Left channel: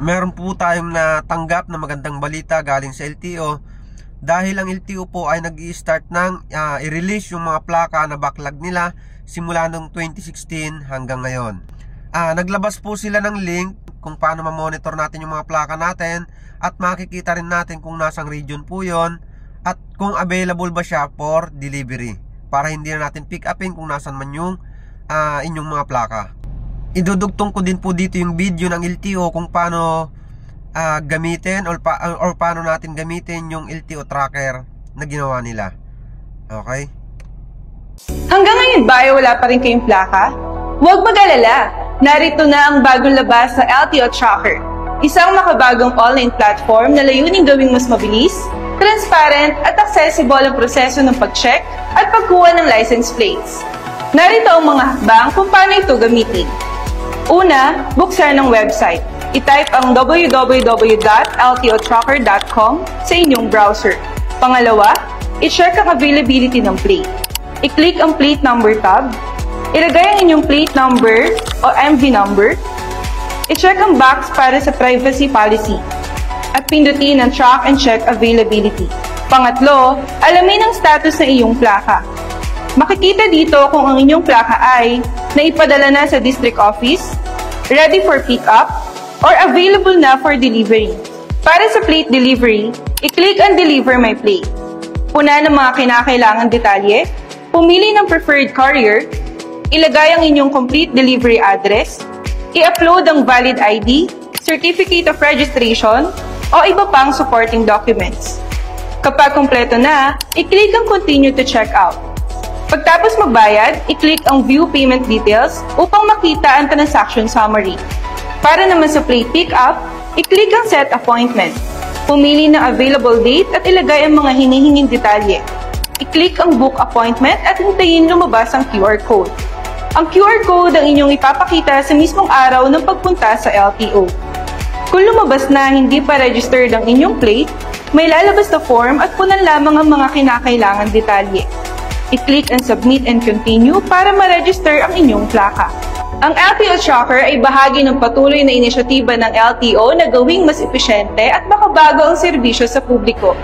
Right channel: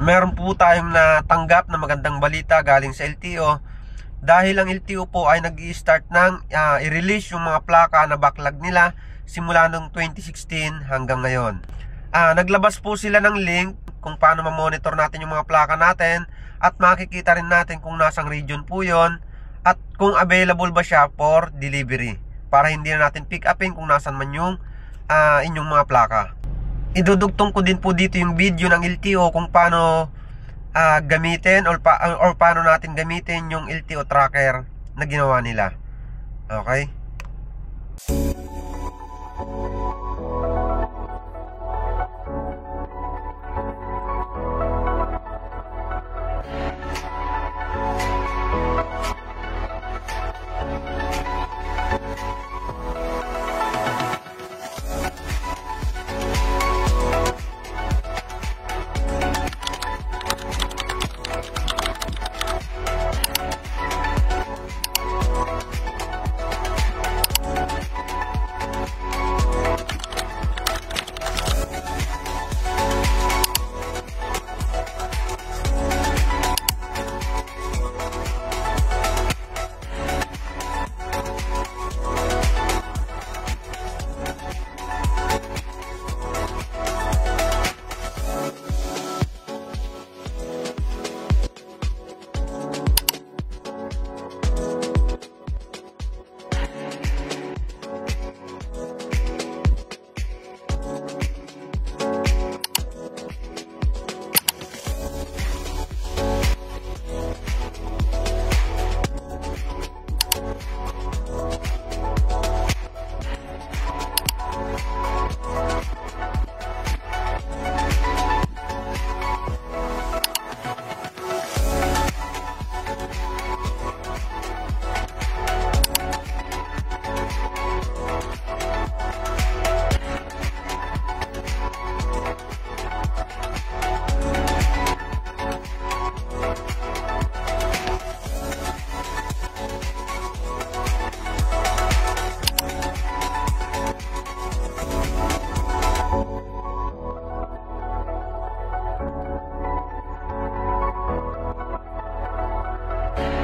meron po tayong natanggap na magandang balita galing sa LTO. Dahil ang LTO po ay nag-i-start ng i-release yung mga plaka na backlog nila simula noong 2016 hanggang ngayon. Naglabas po sila ng link kung paano ma-monitor natin yung mga plaka natin, at makikita rin natin kung nasang region po yon at kung available ba siya for delivery, para hindi na natin pick upin kung nasan man yung inyong mga plaka. Idudugtong ko din po dito yung video ng LTO kung paano gamitin or paano natin gamitin yung LTO tracker na ginawa nila. Okay? Hanggang ngayon ba ay wala pa rin kayong plaka? Huwag mag-alala! Narito na ang bagong labas sa LTO Tracker. Isang makabagong online platform na layuning gawing mas mabilis, transparent at accessible ang proseso ng pag-check at pagkuha ng license plates. Narito ang mga hakbang kung paano ito gamitin. Una, buksan ang website. I-type ang www.ltotracker.com sa inyong browser. Pangalawa, i-check ang availability ng plate. I-click ang plate number tab. Ilagay ang inyong plate number o MV number. I-check ang box para sa privacy policy. At pindutin ang track and check availability. Pangatlo, alamin ang status ng iyong plaka. Makikita dito kung ang inyong plaka ay naipadala na sa district office, ready for pick-up, or available na for delivery. Para sa plate delivery, i-click ang Deliver My Plate. Puna ng mga kinakailangang detalye, pumili ng preferred carrier, ilagay ang inyong complete delivery address, i-upload ang valid ID, certificate of registration, o iba pang supporting documents. Kapag kumpleto na, i-click ang Continue to Checkout. Pagtapos magbayad, i-click ang View Payment Details upang makita ang transaction summary. Para naman sa plate pickup, i-click ang Set Appointment. Pumili ng available date at ilagay ang mga hinihinging detalye. I-click ang Book Appointment at hintayin lumabas ang QR code. Ang QR code ang inyong ipapakita sa mismong araw ng pagpunta sa LTO. Kung lumabas na hindi pa registered ang inyong plate, may lalabas na form at punan lamang ang mga kinakailangan detalye. I-click ang Submit and Continue para ma-register ang inyong plaka. Ang LTO Tracker ay bahagi ng patuloy na inisyatiba ng LTO na gawing mas epesyente at makabago ang serbisyo sa publiko.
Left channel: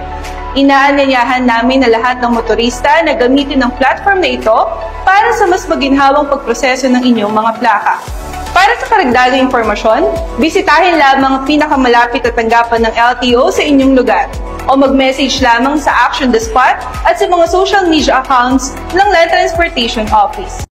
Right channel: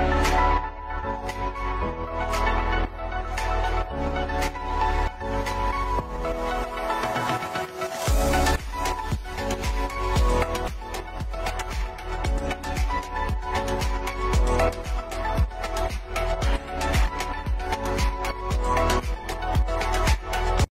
Inaanyayahan namin na lahat ng motorista na gamitin ang platform na ito para sa mas maginhawang pagproseso ng inyong mga plaka. Para sa karagdagang impormasyon, bisitahin lamang ang pinakamalapit na tanggapan ng LTO sa inyong lugar o mag-message lamang sa Action the Spot at sa mga social media accounts ng Land Transportation Office.